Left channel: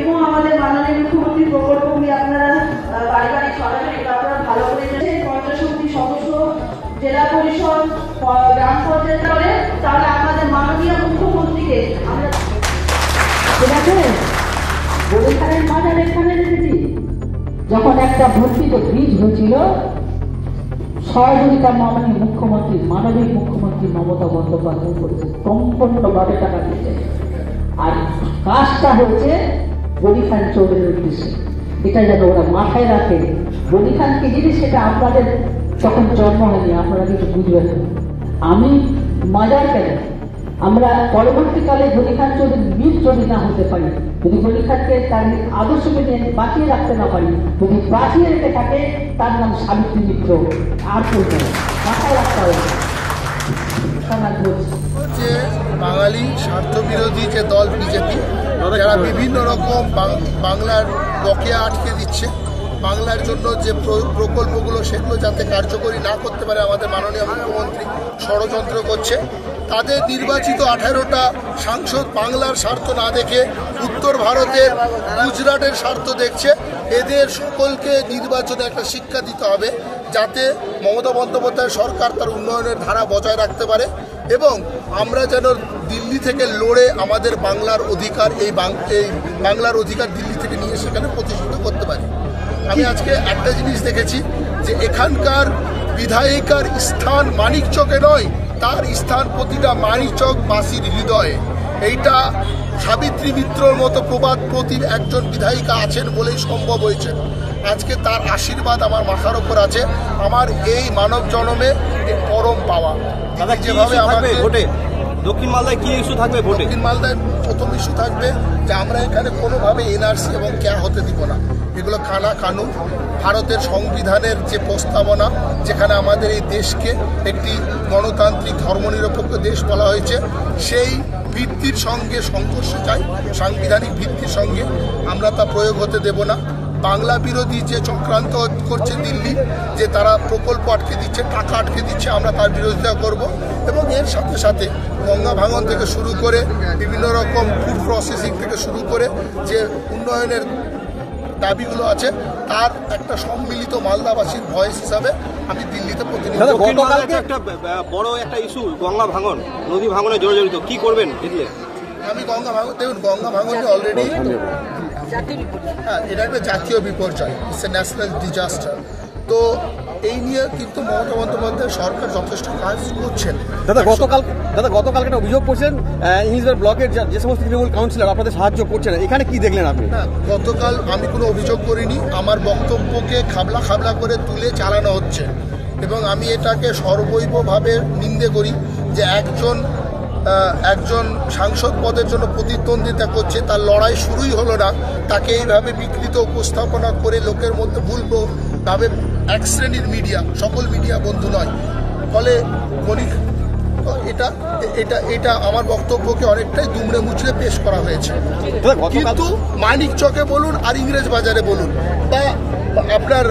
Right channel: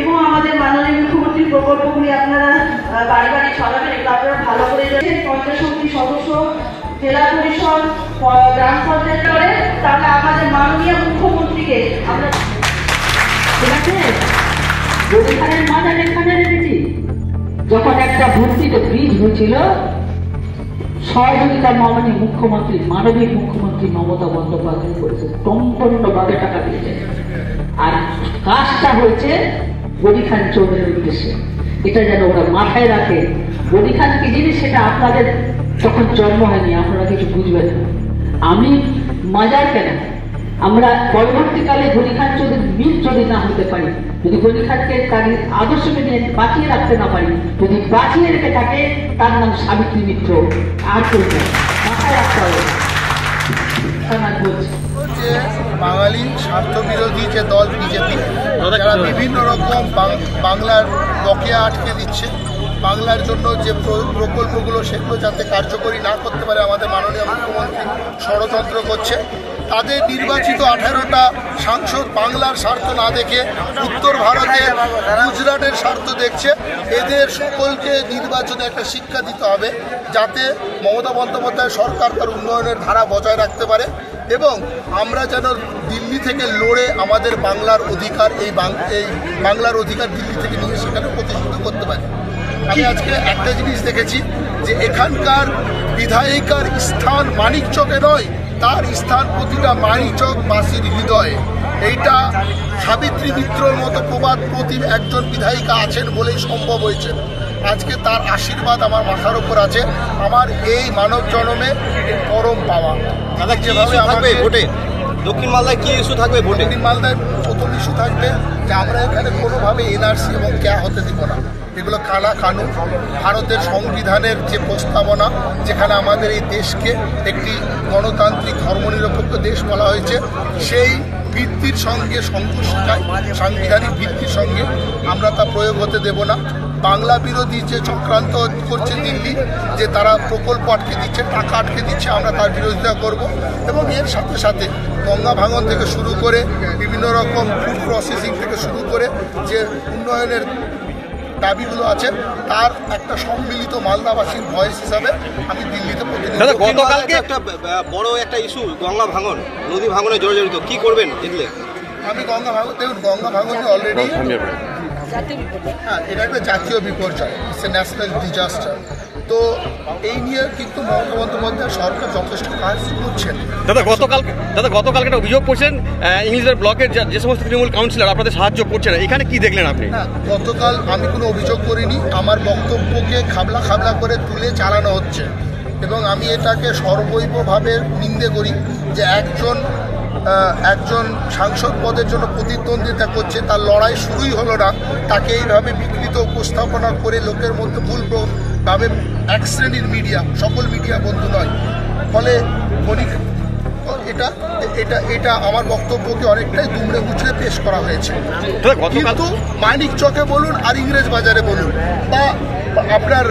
এবং আমাদের মাননীয় মুখ্যমন্ত্রীর প্রকল্পগুলি আপনারা বাড়ি বাড়ি ছড়াবেন, এটা আপনারা ভালো করে জানেন। পঞ্চায়েত সমিতির সদস্য, জেলা পরিষদ, গ্রাম পঞ্চায়েত করে, তাহলে আমাদের মাননীয় মুখ্যমন্ত্রীকে আমরা গরিখানের মাজার এখানে রেখেছি। যখন একটা ভর্তিতে ব্রিজ হয়েছিল, সহযোগিতা মাননীয় মুখ্যমন্ত্রী, মানবিক মুখ্যমন্ত্রী মমতা বন্দ্যোপাধ্যায় করেছে, সম্পূর্ণভাবে টাকা দিয়েছে। আর কাজটা হয়েছে গরিখান চৌধুরীর উদ্দেশ্যে। এটা যেন ওরা মাথায় রাখে। গরিখান কি জিনিস সেটা আপনাদের তখন জন্ম হয়নি, আপনারা কিছু বুঝবেন না। আমি মাজার কেন, আমরা পরবর্তীকালে গরিখান চৌধুরীর মিল যদি না হতে পারি, যদি গরিখানকে তার আদর্শকে বাঁচিয়ে রাখতে না পারি, যদি বাঁচিয়ে রেখে থাকে, তার নাম সাবিত্রী মিত্র আর করবে মাথায় রাখতে হবে। বাঙালি স্বার্থ বিরোধী যে দল বিজেপি, যারা বিভিন্ন রকম বাংলার বকেয়া আটকে দিচ্ছে, বাংলার জন্য যে প্রকল্পগুলো সেগুলো যাতে কার্যকরী না করতে পারে আমাদের মাননীয় মুখ্যমন্ত্রী ষড়যন্ত্র করছে। তাদের নির্বাচিত 18টা সাংসদ বাংলার স্বার্থ না দেখে উত্তর ভারতের গুজরাটের স্বার্থ দেখছে। এদের সকলকে নির্বাচনে একটা শিক্ষা দিতে হবে, যাতে মমতা বন্দ্যোপাধ্যায় সরকার তার উন্নয়নের ধারা বজায় রাখতে পারে এবং আমরা যেন দিল্লি থেকে লড়ে আমাদের বাংলার অধিকার, এই বাংলার অধিকার দিল্লি থেকে নিয়ে সেখানে প্রতিষ্ঠিত করতে পারি। আমি আজকে একটা জিনিস দেখেছি যে এখানকার বিধায়িকার স্থান মানিকচকে নয়, তার স্থান প্রতিটা মানিকচকবাসীর হৃদয়ে। এইটা সাবিত্রী মিত্রর মতো প্রবাদ প্রতিম একজন বিধায়িকা আছেন বলেই সম্ভব হয়েছে। আজকে তার আশীর্বাদ আমার মাথার ওপর আছে, আমার এই মানব জন্মে পরম পাওয়া। যেভাবে আমাকে দক্ষিণ মালদায় কি ইস্যু থাকবে? দক্ষিণ মালদায় প্রথম ইস্যু থাকবে যে আমরা এখানে কোনোভাবে এনআরসি এবং ক্যা হতে দিব না। এগুলো কানা কানুন, ভারতের সংবিধানের যে প্রস্তাবনা, যেখানে আমাদের এই দেশকে একটি গণতান্ত্রিক ধর্মনিরপেক্ষ দেশ বলা হয়েছে, সেই ভিত্তির সঙ্গে সংঘর্ষ চাই, সাংবিধানিক ভিত্তির সঙ্গে আমরা তা প্রয়োগ হতে দেব না। বাংলা বিরোধী যে চক্রান্ত করছে দিল্লি, যে তারা প্রকল্প আটকে দিচ্ছে, টাকা আটকে দিচ্ছে, আমরা তার বিরোধিতা করব এবং এর সাথে সাথে গঙ্গা ভাঙন থেকে শুরু করে বিভিন্ন রকম ফুড প্রসেসিং থেকে শুরু করে যে উন্নয়নের দাবিগুলো আছে, তার একটা সম্মিলিত মালদাবাসীর ভয়েস হিসাবে আমি দিল্লিতে প্রতিনিধিত্ব। গতকালকে একটা বড় একটা ইস্যু গঙ্গা ভাঙন, নদী ভাঙনে জড়িত, কি করবেন দিল্লি? আমি গঙ্গা ভাঙন অলরেডি হ্যাঁ, এটা একটা জাতীয় বিপর্যয়, ইটস এ ন্যাশনাল ডিজাস্টার। তো এই নিয়ে কিন্তু মমতা বন্দ্যোপাধ্যায় সরকার যথেষ্ট কাজ করছেন। গতকালকে একটা অভিযোগ করছেন ইংলিশের ব্লকের যে সমস্ত তৃণমূল কাউন্সিলর আপনাদের সাহায্য করছেন, এখানে কি দেখলেন আপনি? গতকাল আমি কোনো অভিযোগ করিনি, আমার বক্তব্যকে খাবলা খাবলা করে তুলে চালানো হচ্ছে এবং আমি এটাকে সর্বৈবভাবে নিন্দে করি যে একজন সাংসদ পদের জন্য প্রতিদ্বন্দ্বিতা করছে, তার লড়াই শুরুই হলো না, তাকে এইভাবে বিকৃত উপস্থাপনা করে লোকের মধ্যে ভুলভাবে এক শ্রেণীর মিডিয়া, সকল মিডিয়া বন্ধু নয়, ফলে এটা আমার বক্তব্যকে অনেকটাই দুমড়ে মুচড়ে পেশ করা হয়েছে। কিন্তু মানিকচকে বলুন আর ইংরেজ বাজারে বলুন বা আপনার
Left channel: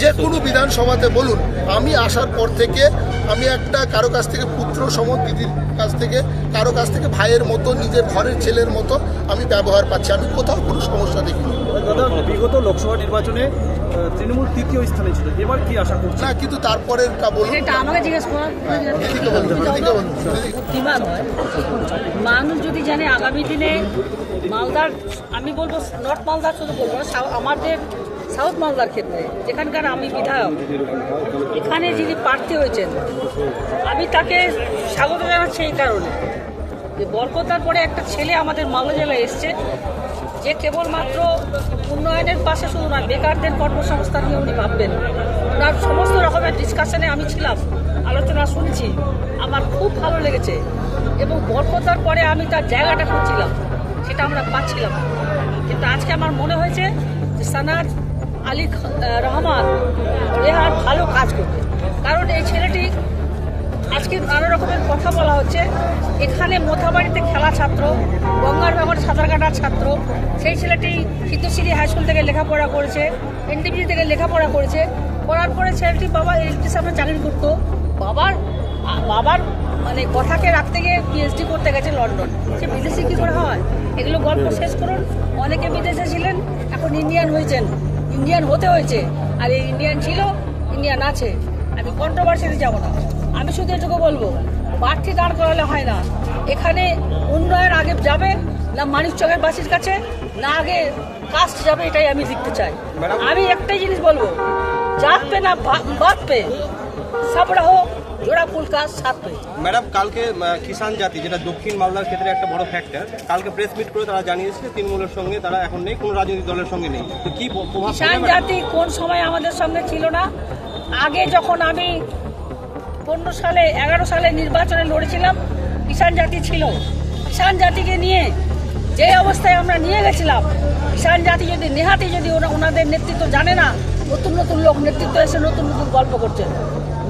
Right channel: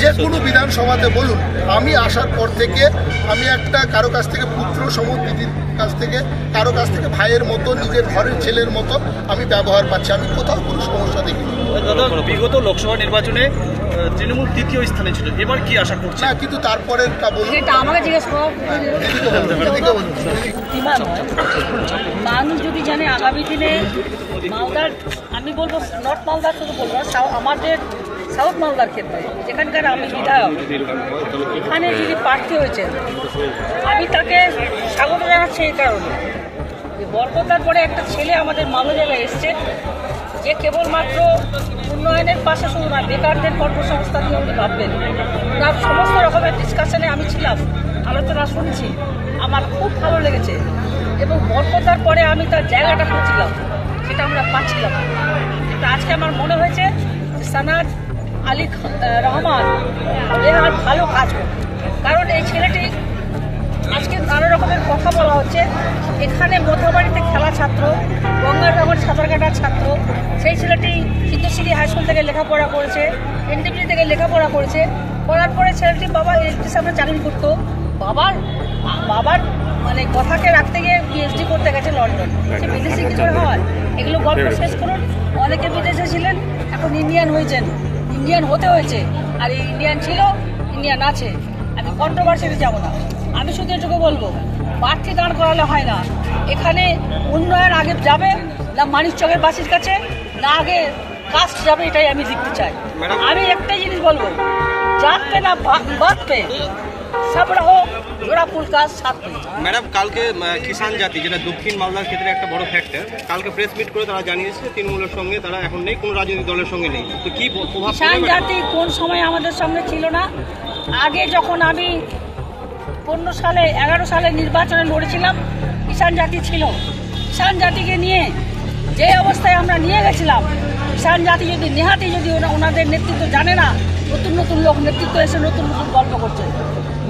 যে কোনো বিধানসভাতে বলুন, আমি আসার পর থেকে আমি একটা কারো কাছ থেকে পুত্র সম, দিদির কাছ থেকে কারো কাছ থেকে ভাইয়ের মতো, নিজের ঘরের ছেলের মতো আমি ব্যবহার পাচ্ছি, আমি কোথাও কোনো সমস্যা দেখিনি। বিগত লোকসভা নির্বাচনে তৃণমূল তৃতীয় স্থানে ছিল, এবার কি আশা করছে? না, কিন্তু তারপরেরটা বলুন, আমাকে জিজ্ঞেস করুন। মানুষ যদি জানে আগামী দিনে মালদার, আমি বলবো নর্থ মালদার শুধু বলবো, আমাদের সাউথ মালদার ক্ষেত্রে যেখানকার আমি বিধায়ক, এখানে যিনি প্রার্থী হয়েছেন, আমি তাকে স্বাগত জানাচ্ছি এই কারণে যে বরকতার পরে একটা ছেলে আমাদের মালদা জেলায় এসছে, যে কেবলমাত্র উন্নয়নের পাশে শুধু না, বেকারদের কর্মসংস্থান নিয়ে উনি ভাববেন। তার সমস্ত রকমের ডিসকাশনে আমি ছিলাম, আলোচনা শুনেছি, আমার খুব ভালো লেগেছে এবং বরকতার পরে আমি তার জায়গাটা খুঁজছিলাম, সেটা আমরা পাচ্ছিলাম। কিন্তু আজকে আমার মনে হয়েছে যে সানাজ আলী রহমান আর ভালো কাজ করবে, কারণ এই ছেলেটি আজকে নানা রকমের কথা বলা হচ্ছে, এখানে মোথাবাড়িতে খেলা ছাত্র, গঙ্গার ব্যবহার সাঁতার কাটার ছাত্র, সেই ছেলেটি চিত্তশ্রী হাই স্কুল থেকে লেখাপড়া করেছে, এনটিপি থেকে লেখাপড়া করেছে, করার পরে ছেলেটির বাবা ইলেকট্রিশিয়ানের চাকরি করতো, বাবার মানে কথাকে রাখতে গিয়ে পিএইচডি করতে গেছে লন্ডন, সে বিদেশি কি করে হয়? এগুলো গল্প শেষ করুন। অনেকে বিদেশে ছিলেন, এখন ইন্ডিয়ান হয়েছেন, ইন্ডিয়ান হতে হয়েছে। আর এই ইন্ডিয়ান ছিল, ইন্ডিয়ান আছে। আমি কন্ট্রোভার্সিতে যাব না, আমি শুধু এটুকু বলবো, প্রার্থী দাঁড় করালে হয় না। এখানে উন্নয়ন আগে যাবে না মানিকচকের বাসির কাছে, না আগে কাস্ট যাবে, এটাই আমি দেখতে চাই। আমি একটাই জিনিস বলবো, जात पे ना बात पे सब रहो জোড়া ফুল কাজ সাথে। ম্যাডাম, কালকে কিষাণ জাতি, যেটা দক্ষিণ মালদার ক্ষেত্রে একটা বড় ফ্যাক্টর, কালকে প্রেস মিট করে তারা জানিয়েছে তৃণমূলের সঙ্গে তারা এখন নেই, কোনো রাজনৈতিক দলের সঙ্গে নেই। তো কি প্রভাব? কিষাণ জাতি কোন সময় আমাদের সঙ্গে ছিল না? আগে যখন আমি 15 সালে 11 সালে নির্বাচনে লড়েছিলাম, কিষাণ জাতি ছিল। কিষাণ জাতিকে নিয়ে যে অবস্থায় আমরা নিয়ে গেছিলাম, কিষাণ জাতি যদি নেহাতি যদি ওনাদের নেতৃত্ব জানে না, নতুন নতুন লোক নেতৃত্ব এসে নতুন নতুন গল্প করছে।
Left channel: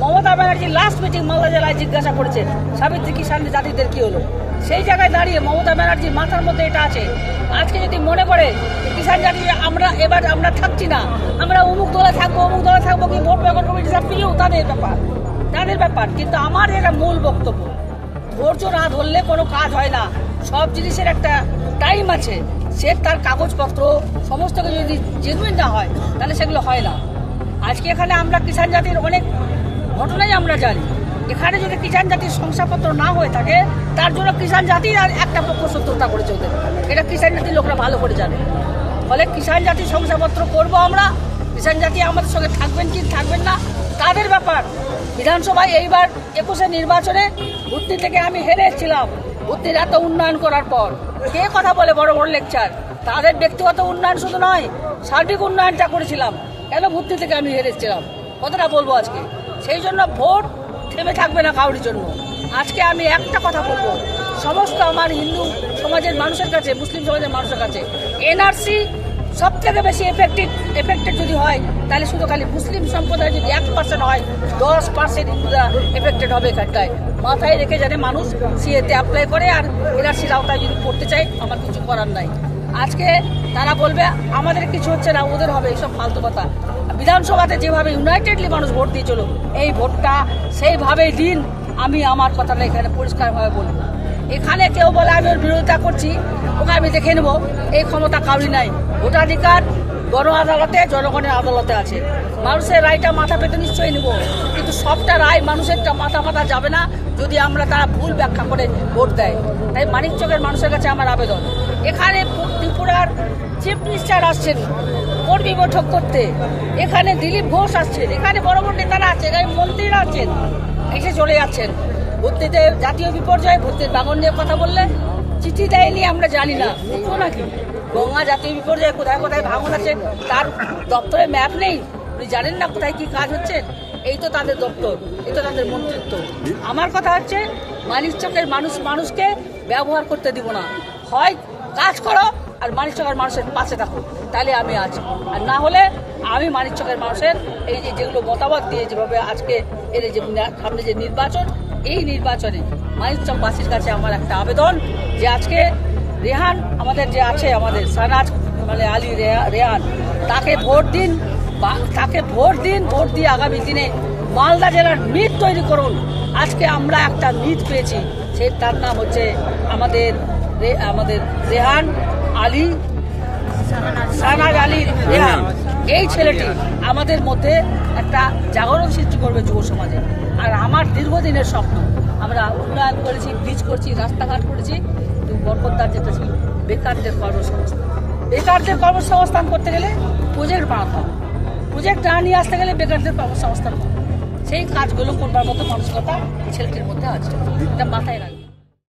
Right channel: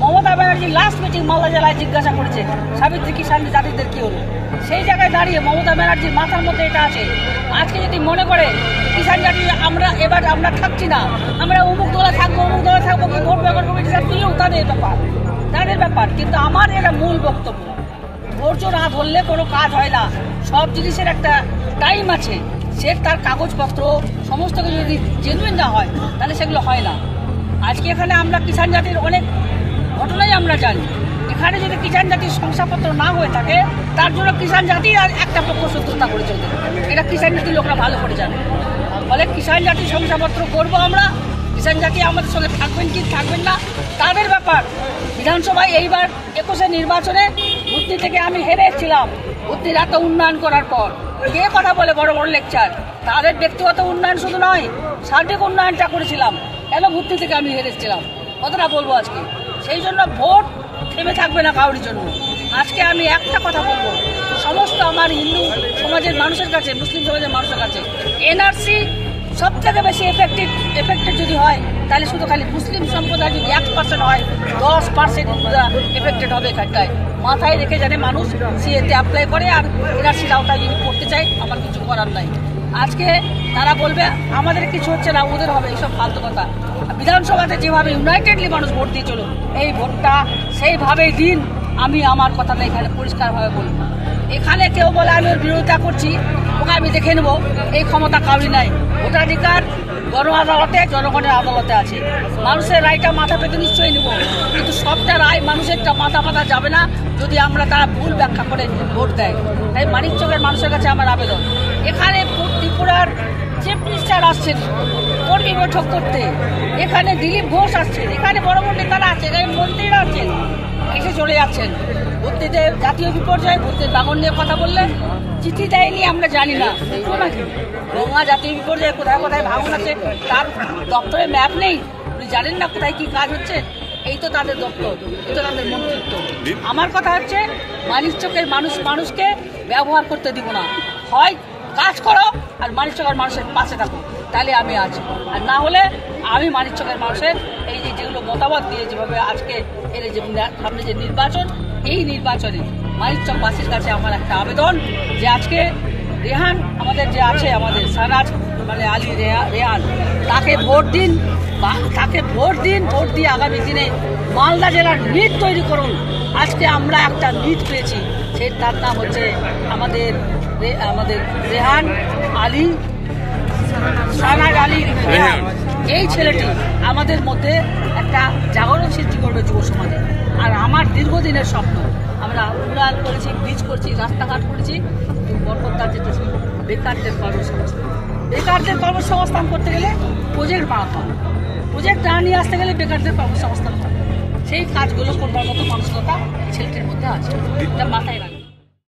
মমতা ব্যানার্জি লাস্ট মিটিং মালদা জেলায় জিজ্ঞাসা করেছে সাবিত্রী কিষাণ জাতিদের কি হলো। সেই জায়গায় দাঁড়িয়ে মমতা ব্যানার্জির মাথার মধ্যে এটা আছে। আজকে যদি মনে করে কিষাণ জাতি আমরা থাকছি না, আমরা অমুক দলে থাকবো কি ভোট বেগর কমিটিটা প্রিয়, তাদের ব্যাপার। কিন্তু আমার এটা মূল বক্তব্য, ধৈর্য না ধরলে কোনো কাজ হয় না। সব জিনিসের একটা টাইম আছে, সে তার কাগজপত্র সমস্ত কিছু যদি জেনুইন না হয় তাহলে সেগুলো হয় না। আজকে এখানে আমরা কিষাণ জাতির অনেক ঘটনাই আমরা জানি। এখানে যদি কিষাণ জাতির শংসাপত্র না হয়ে থাকে, তার জন্য কিষাণ জাতি আর একটা পক্ষ শত্রুতা করে চলবে, এটা কিষাণ জাতির লোকরা ভালো করে জানে। ফলে কিষাণ জাতির শংসাপত্র করবো আমরা। কিষাণ জাতি আমাদের সঙ্গে থাকবেন কি থাকবেন না তাদের ব্যাপার। বিধানসভায় এইবার 21 নির্বাচনে ভূতনি থেকে আমি হেরে এসেছিলাম। ভূতনির এত উন্নয়ন করার পর কে কথা বলে বড় বড় লেকচার? তাদের ব্যক্তিগত উন্নয়ন শুধু নয়, সার্বিক উন্নয়নটা করেছিলাম। কেন ভূতনি থেকে আমি হেরে এসেছিলাম কতটা বলবো আজকে। সেই জন্য ভোট থেমে থাকবে না কারোর জন্য। আজকে আমি একটা কথা বলবো, সমস্ত আমার হিন্দু সমাজের মানুষের কাছে, মুসলিম সমাজের মানুষের কাছে, এনআরসি সব থেকে বেশি এফেক্টেড যদি হয়, তাহলে শুধু খালি মুসলিম সম্প্রদায় যদি 1% হয়, 10% এফেক্টেড হবে এখানটায়। মাথায় রেখে জানে মানুষ সিএতে অ্যাপ্লাই করে, আর এনআরসির আওতায় যদি করতে চাই, আমার কিছু করার নাই। আজকে তারা বলবে আমাদের কিছু হচ্ছে না, ওদের হবে, এইসব ফালতু কথা। বিধানসভাতে যেভাবে ইউনাইটেডলি মানুষ ভোট দিয়ে চলো, এই ভোটটা সেইভাবেই দিন। আমি আমার কথাটা এখানে পরিষ্কারভাবে বলি। এখানে কেউ বলে আমি ওর বিরোধিতা করছি, ওকে আমি দেখে নেবো, এই ক্ষমতা কাউরি নাই। ভোটাধিকার গণ আদালতে, জনগণের আদালতে আছে। মানুষের রায়টা মাথা পেতে নিশ্চয়ই নেব, কিন্তু সবটা রায় মানুষেরটা মাথা পাতা যাবে না যদি আমরা তারা ভুল ব্যাখ্যা করে ভোট দেয়। তাই মানিকচকের মানুষের কাছে আমার আবেদন, এখানে ত্রিপুরার চিফ মিনিস্টার আসছেন কর্মী বৈঠক করতে, এখানে দিলীপ ঘোষ আসছেন, এখানে বড় বড় নেতারা আছেন, এখানে মন্ত্রীরা আছেন, এসে চলে যাচ্ছেন। ভর্তিতে জাতীয় বিপর্যয়, ভর্তির বাগন নিয়ে কথা বললেন, চিঠি দেয়নি আমরা জানি না, বুঝবো নাকি? গঙ্গা জাতীয় বিপর্যয় কোথায় কোথায় ভাঙন আছে, তার দপ্তরে ম্যাপ নেই, আপনি জানেন না কোথায় কি কাজ হচ্ছে। এই তো তাদের দপ্তর, এই তো তাদের মন্ত্রিত্ব। আমার কথা হচ্ছে মানিকচকের মানুষকে ব্যবহার করতে দিব না। হয় কাজ করো আর মানিকচকের মানুষের পাশে থাকো, তাহলে আমি আছি। আর না হলে আমি মানিকচকের মানুষের এই যেগুলো মতামত দিয়ে যেভাবে আজকে এর যে সামনে যে নির্বাচন, এই নির্বাচনে মানিকচকবাসীর কাছে আমার একটা আবেদন যে আজকে রেহান আমাদের যে আছে, আমাদের সানাজ মানে আলী রেহান, তাকে ভোট দিন, ভোট দিয়ে আগামী দিনে মালদা জেলার নীত তৈরি করুন। আজকে আমরা একটা নীত পেয়েছি, তার নাম হচ্ছে আমাদের রেহান আলী, সানাজ আলী রেহান। এই ছেলেটি আমাদের মধ্যে একটা জাগরণ সৃষ্টি করবে যুব সমাজে। আর আমার দীর্ঘদিনের স্বপ্ন, আমরা উন্নয়ন করেছি, ব্রিজ করছি, রাস্তাঘাট করেছি, বরকতদার যেতেছি বেকারদের কর্মসংস্থান। বেকারদের কর্মসংস্থান করতে গেলে প্রজেক্ট বানাতে হবে, প্রজেক্ট না নিয়ে আসতে গেলে বেকারদের কর্মসংস্থান হবে। সেই কাজগুলো করবার মতো মানসিকতা ছেলেটির মধ্যে আছে, এটা মাথায় রাখবে।